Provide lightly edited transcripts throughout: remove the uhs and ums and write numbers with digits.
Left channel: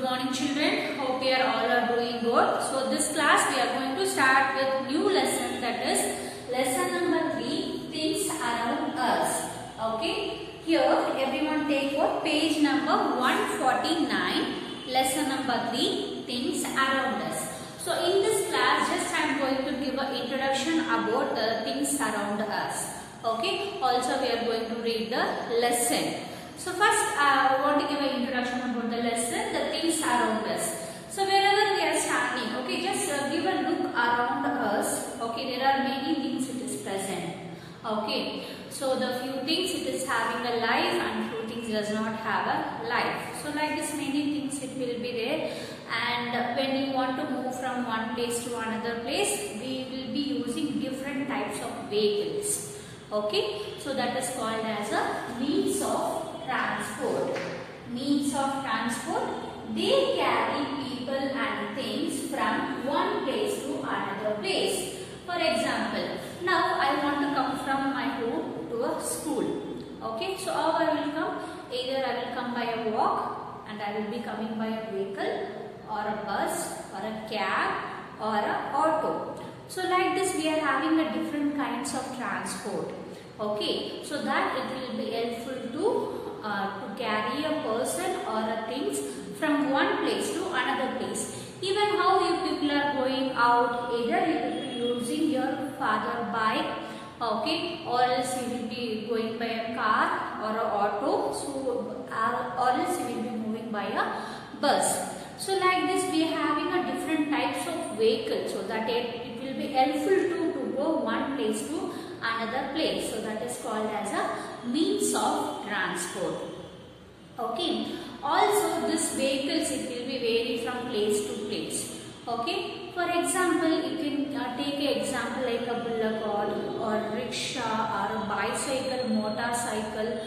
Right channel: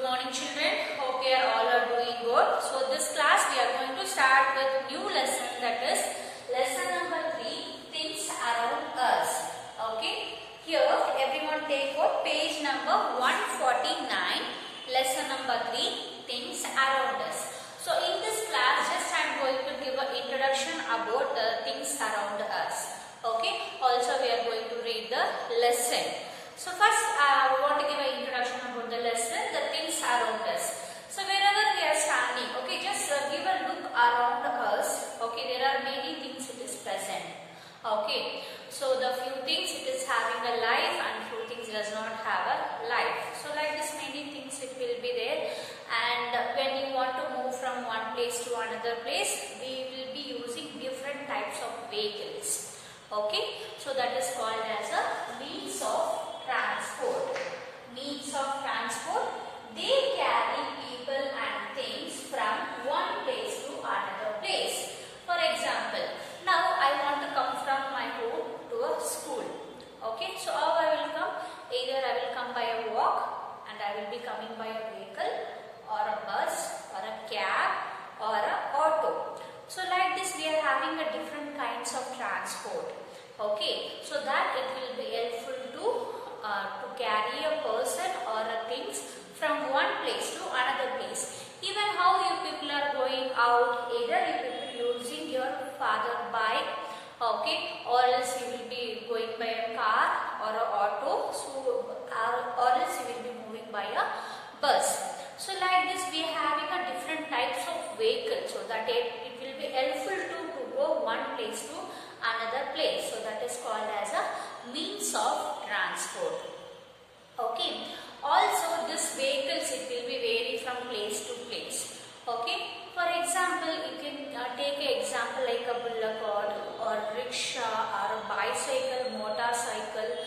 Good morning children. Hope you are all are doing good. So this class we are going to start with new lesson, that is lesson number 3, things around us. Okay. Here everyone take what? Page number 149. Lesson number 3, things around us. So in this class just I am going to give an introduction about the things around us. Okay. Also we are going to read the lesson. So first I want to give an introduction about the lesson, the things around us. So wherever we are standing, okay, just give a look around us. Okay, there are many things it is present. Okay, so the few things it is having a life and few things does not have a life. So like this many things it will be there, and when you want to move from one place to another place, we will be using different types of vehicles. Okay, so that is called as a means of transport. Means of transport, they carry people and things from one place to another place. For example, now I want to come from my home to a school. Okay, so how I will come? Either I will come by a walk, and I will be coming by a vehicle or a bus or a cab or a auto. So like this we are having a different kinds of transport. Okay, so that it will be helpful to carry a person or a things from one place to another place. Even how you people are going out, either you people using your father bike, okay, or else you will be going by a car or a auto, so or else you will be moving by a bus. So like this we are having a different types of vehicles, so that it will be helpful to go one place to another place. So that is called as a means of transport. Okay. Also this vehicles it will be vary from place to place. Okay. For example, you can take an example like a bullock or rickshaw or a bicycle, motorcycle,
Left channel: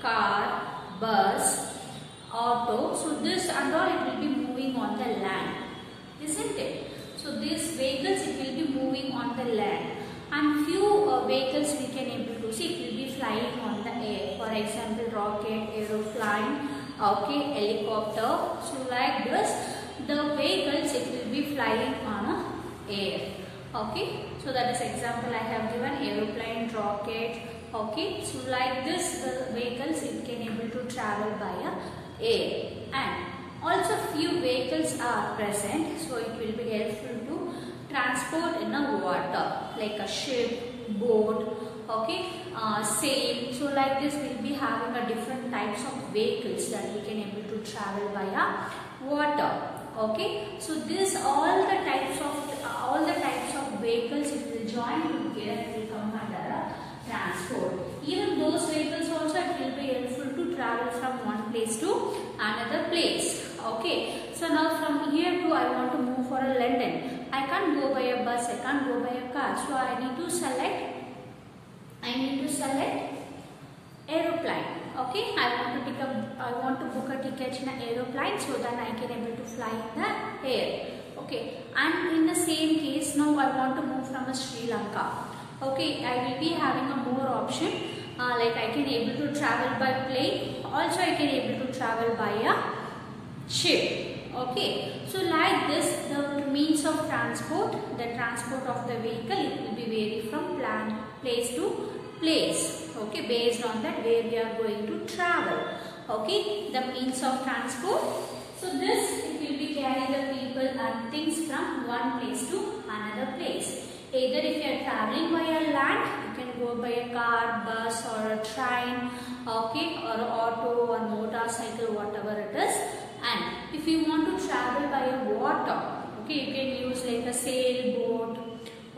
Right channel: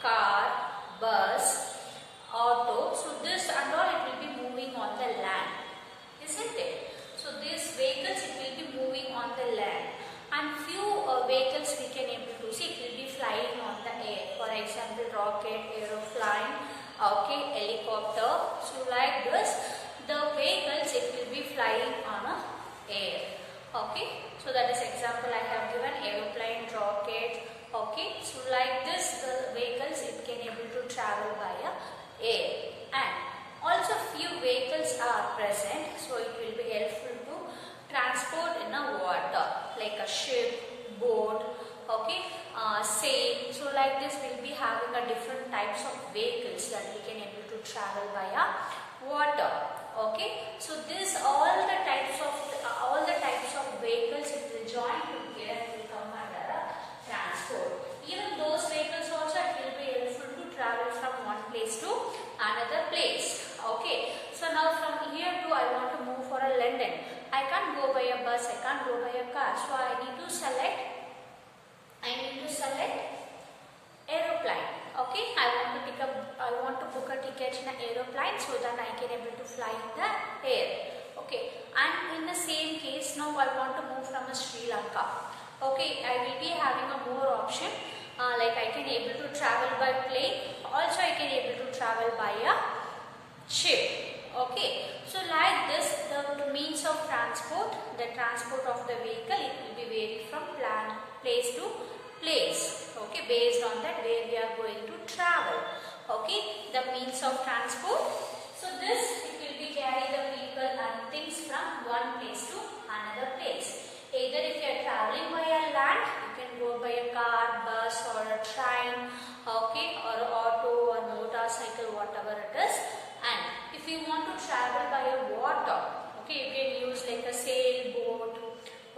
car, bus, auto. So this and all it will be moving on the land, isn't it? So these vehicles it will be moving on the land. And few vehicles we can able to see, it will be flying on the air. For example, rocket, aeroplane, okay, helicopter. So like this, the vehicles it will be flying on a air. Okay, so that is example I have given, aeroplane, rocket. Okay, so like this the vehicles it can able to travel by a air. And also few vehicles are present, so it will be helpful to transport in a water, like a ship, boat, okay, sail. So like this we'll be having a different types of vehicles that we can able to travel via water. Okay, so this all the types of vehicles it will join together and will come under a transport. Even those vehicles also it will be helpful to travel from one place to another place. Okay, so now from here to I want to move for a London. I can't go by a bus, I can't go by a car. So I need to select aeroplane. Okay, I want to book a ticket in an aeroplane, so that I can able to fly in the air. Okay, and in the same case now I want to move from a Sri Lanka. Okay, I will be having a more option, like I can able to travel by plane, also I can able to travel by a ship. Okay, so like this the means of transport, the transport of the vehicle it will be vary from place to place. Okay, based on that where we are going to travel. Okay, the means of transport. So this it will be carry the people and things from one place to another place. Either if you are traveling by a land, you can go by a car, bus or a train, okay, or auto or motorcycle, whatever it is. And if you want to travel by a water, okay, you can use like a sailboat,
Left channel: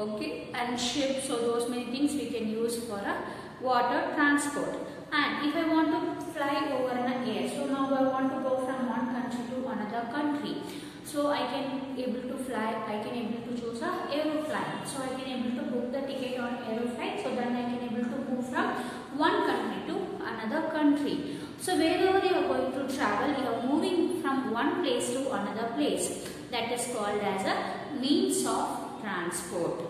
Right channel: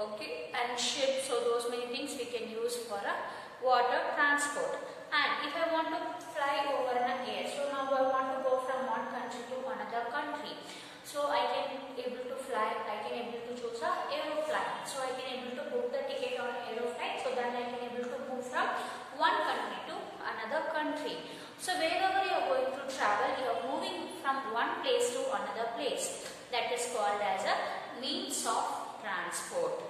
okay, and ship. So those many things we can use for a water transport. And if I want to fly over an air, so now I want to go from one country to another country. So I can able to fly, I can able to choose a aeroplane. So I can able to book the ticket on aeroplane, so then I can able to move from one country to another country. So wherever you are going to travel, you are moving from one place to another place. That is called as a means of transport.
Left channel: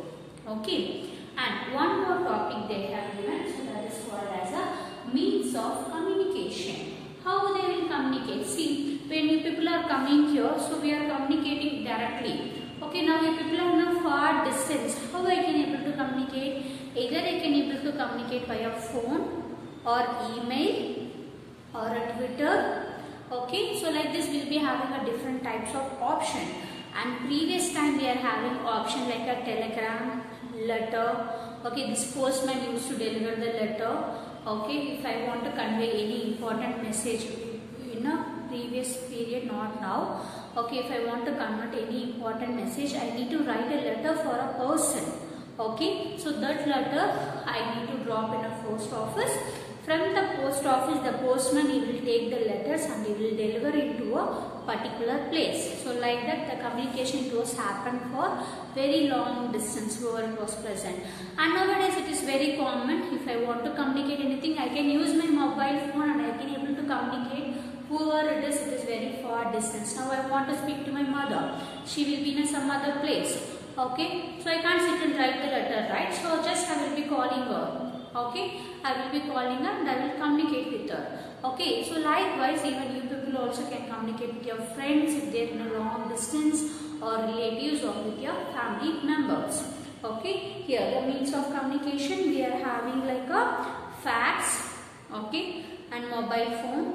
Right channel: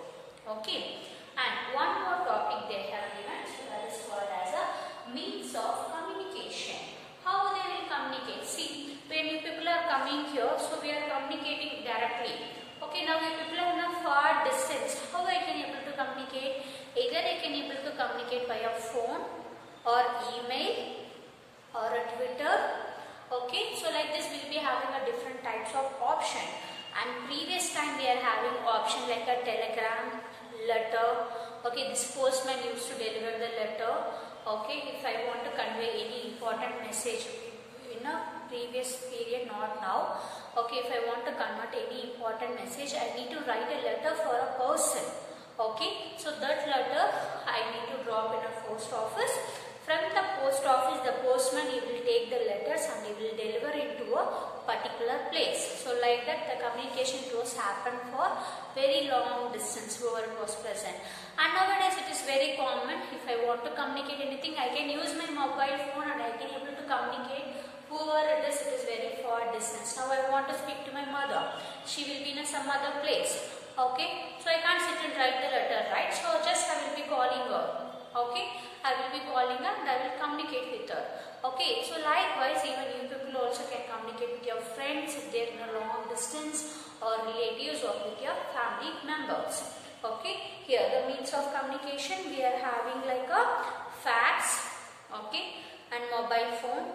Okay. And one more topic they have given, so that is called as a means of communication. How they will communicate? See, when you people are are coming here, so we are communicating directly. Okay, now you people are in a far distance. How I can able to communicate? Either I can able to communicate via phone or email or a Twitter. Okay, so like this we'll be having a different types of option. And previous time we are having option like a telegram, letter. Okay, this postman used to deliver the letter. Okay, if I want to convey any important message in a previous period, not now. Okay, if I want to convert any important message, I need to write a letter for a person. Okay, so that letter I need to drop in a post office. From the post office, the postman he will take the letters and he will deliver it to a particular place. So like that the communication it was happened for very long distance whoever it was present. And nowadays it is very common. If I want to communicate anything, I can use my mobile phone and I can able to communicate whoever it is very far distance. Now I want to speak to my mother. She will be in some other place. Okay, so I can't sit and write the letter, right? So just I will be calling her. Okay, I will be calling her and I will communicate with her. Okay, so likewise even you people also can communicate with your friends if they are in a long distance or relatives or with your family members. Okay, here the means of communication we are having like a fax, okay, and mobile phone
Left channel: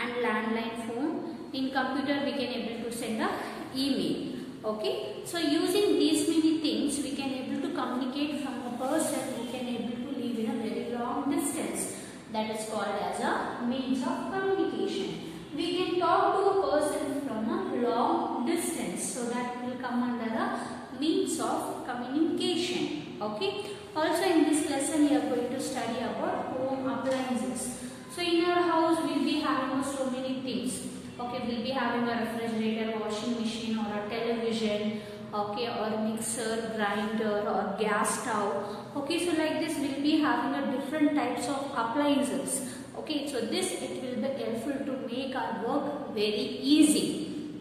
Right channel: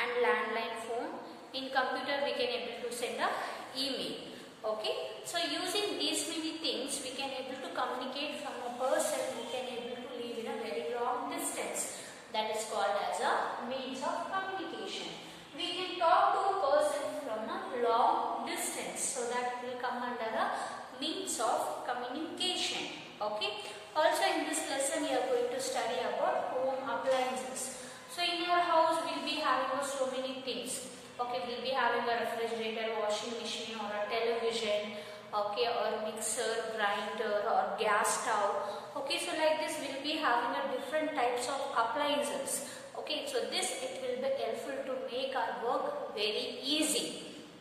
and landline phone. In computer we can able to send a email. Okay, so using these many things we can able to communicate from a person who can able to live in a very long distance. That is called as a means of communication. We can talk to a person from a long distance, so that will come under a means of communication. Okay. Also in this lesson we are going to study about home appliances. So in our house we will be having so many things. Okay, we will be having a refrigerator, washing machine or a television, okay, or a mixer, grinder or gas stove. Okay, so like this we will be having a different types of appliances. Okay, so this it will be helpful to make our work very easy.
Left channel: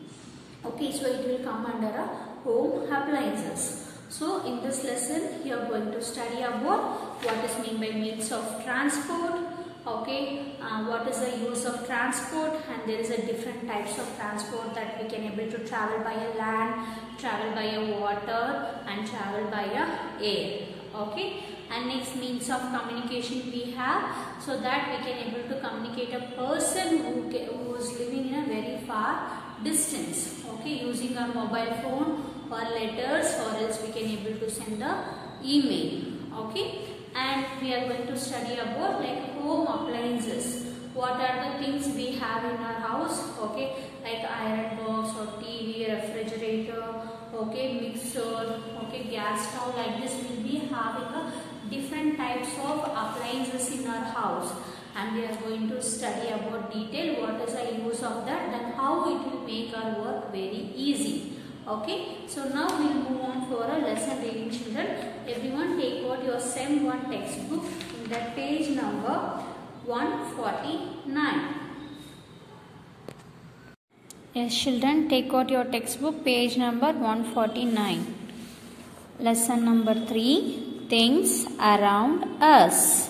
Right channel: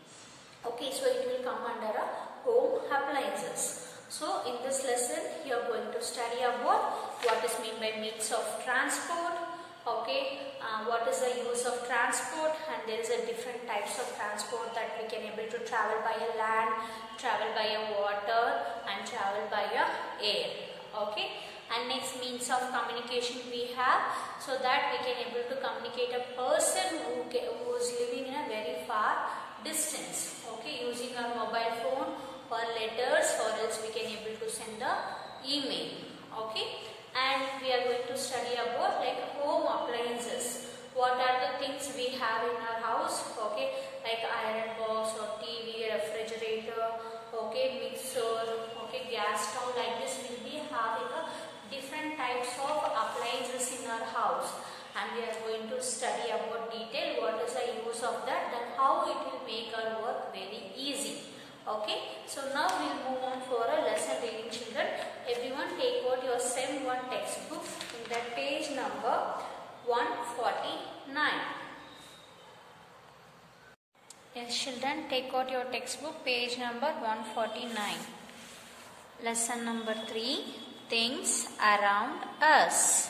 Okay, so it will come under a home appliances. So in this lesson you are going to study about what is meant by means of transport. Okay, what is the use of transport, and there is a different types of transport that we can able to travel by a land, travel by a water and travel by a air. Okay, and next means of communication we have, so that we can able to communicate a person who is living in a very far distance. Okay, using our mobile phone or letters, or else we can able to send the email. Okay. And we are going to study about like home appliances. What are the things we have in our house? Okay, like iron box or TV, refrigerator, okay, mixer, okay, gas stove. Like this, we will be having a different types of appliances in our house, and we are going to study about detail what is the use of that, then how it will make our work very easy. Okay, so now we will move on for a lesson reading, children. Everyone take out your SEM 1 textbook in the page number 149. Yes, children, take out your textbook, page number 149. Lesson number 3, things around us.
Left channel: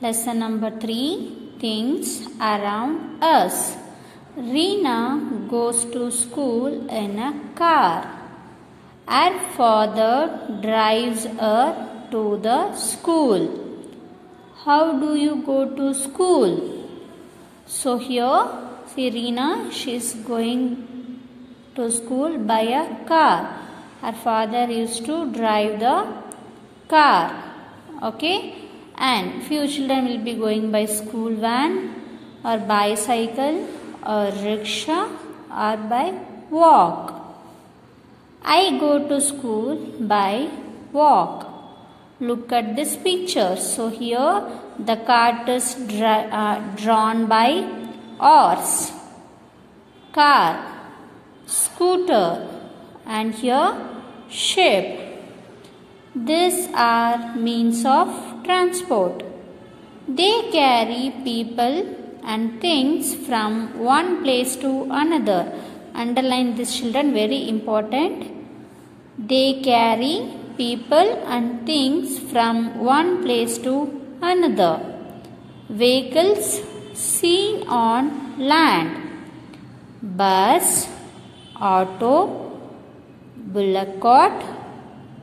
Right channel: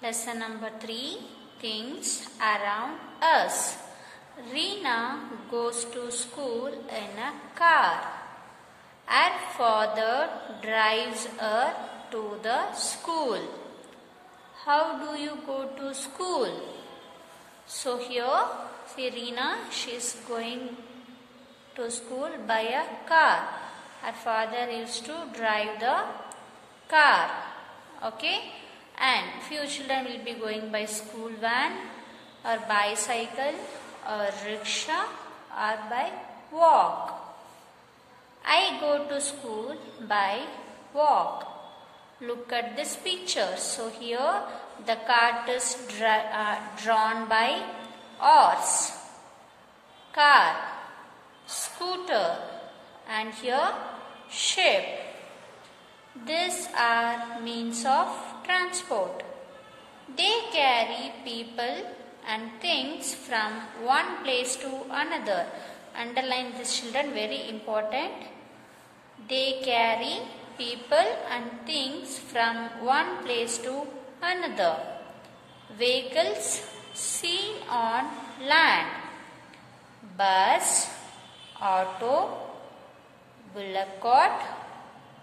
Lesson number 3, things around us. Reena goes to school in a car. Her father drives her to the school. How do you go to school? So here, see Reena, she is going to school by a car. Her father used to drive the car. Okay, and few children will be going by school van or bicycle or rickshaw or by walk. I go to school by walk. Look at this picture. So here the cart is drawn by horse, car, scooter, and here ship. These are means of transport. They carry people and things from one place to another. Underline this, children, very important. They carry people and things from one place to another. Vehicles seen on land. bus, auto, bullock cart,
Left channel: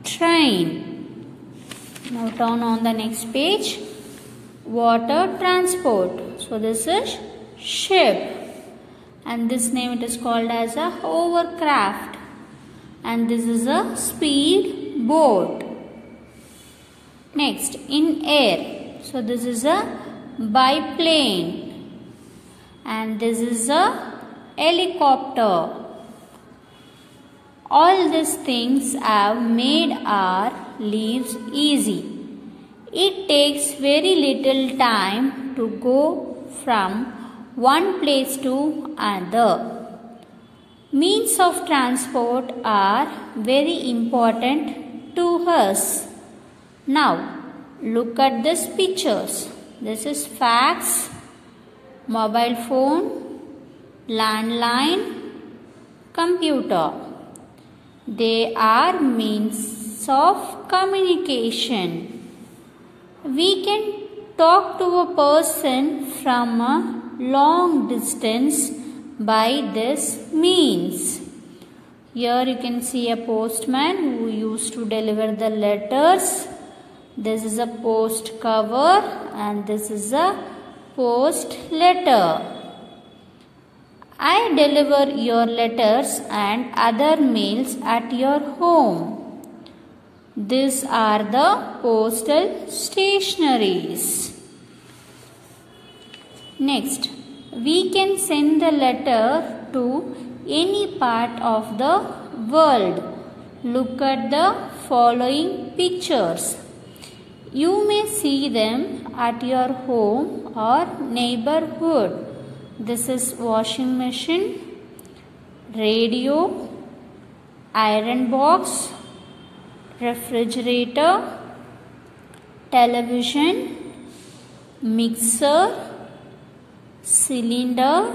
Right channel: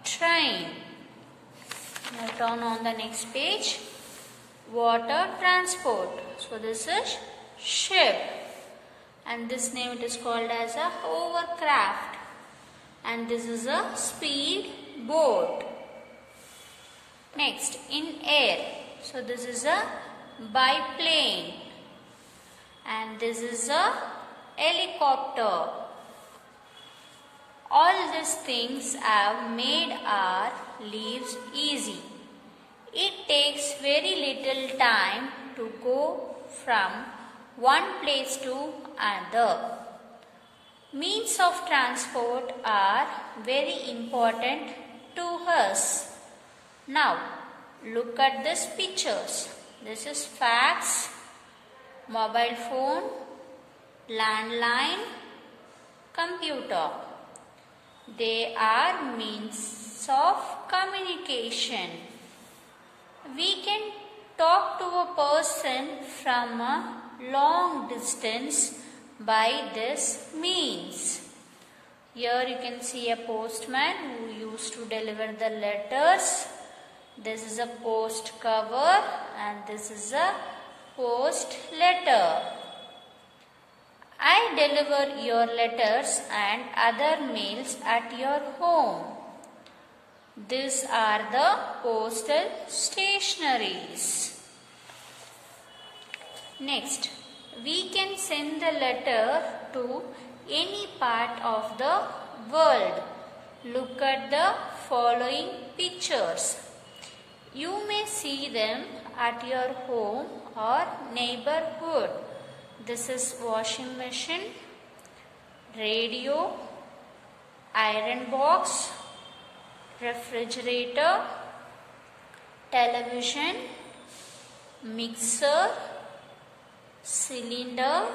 train. Now turn on the next page. Water transport. So this is ship. And this name it is called as a hovercraft. And this is a speed boat. Next, in air. So this is a biplane. And this is a helicopter. All these things have made our lives easy. It takes very little time to go from one place to another. Means of transport are very important to us. Now, look at these pictures. This is fax, mobile phone, landline, computer. They are means of communication. We can talk to a person from a long distance by this means. Here you can see a postman who used to deliver the letters. This is a post cover and this is a post letter. I deliver your letters and other mails at your home. These are the postal stationaries. Next, we can send the letter to any part of the world. Look at the following pictures. You may see them at your home or neighborhood. This is washing machine, radio, iron box, refrigerator, television, mixer, cylinder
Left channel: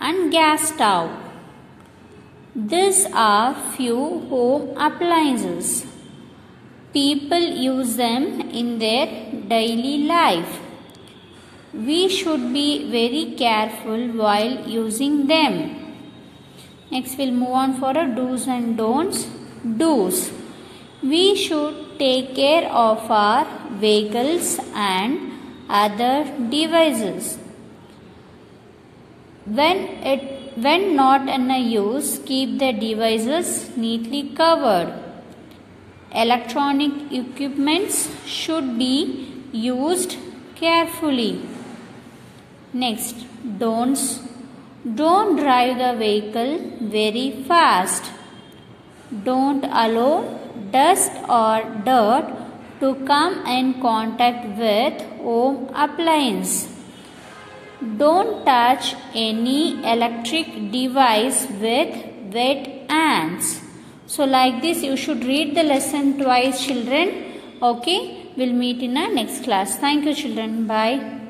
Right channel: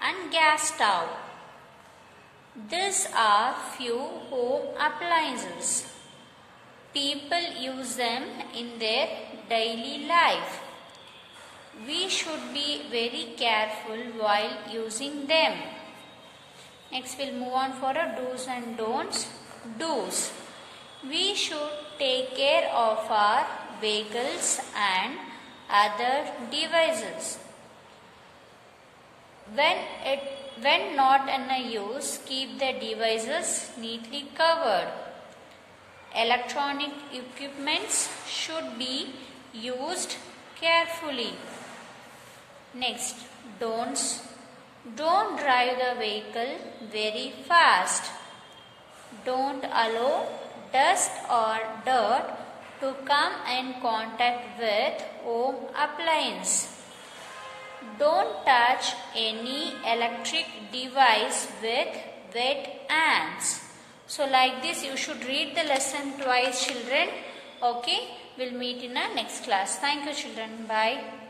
and gas stove. These are few home appliances. People use them in their daily life. We should be very careful while using them. Next we'll move on for a do's and don'ts. Do's. We should take care of our vehicles and other devices. When not in a use, keep the devices neatly covered. Electronic equipments should be used carefully. Next, don'ts. Don't drive the vehicle very fast. Don't allow dust or dirt to come in contact with home appliance. Don't touch any electric device with wet hands. So like this you should read the lesson twice, children. Okay, we'll meet in our next class. Thank you, children. Bye.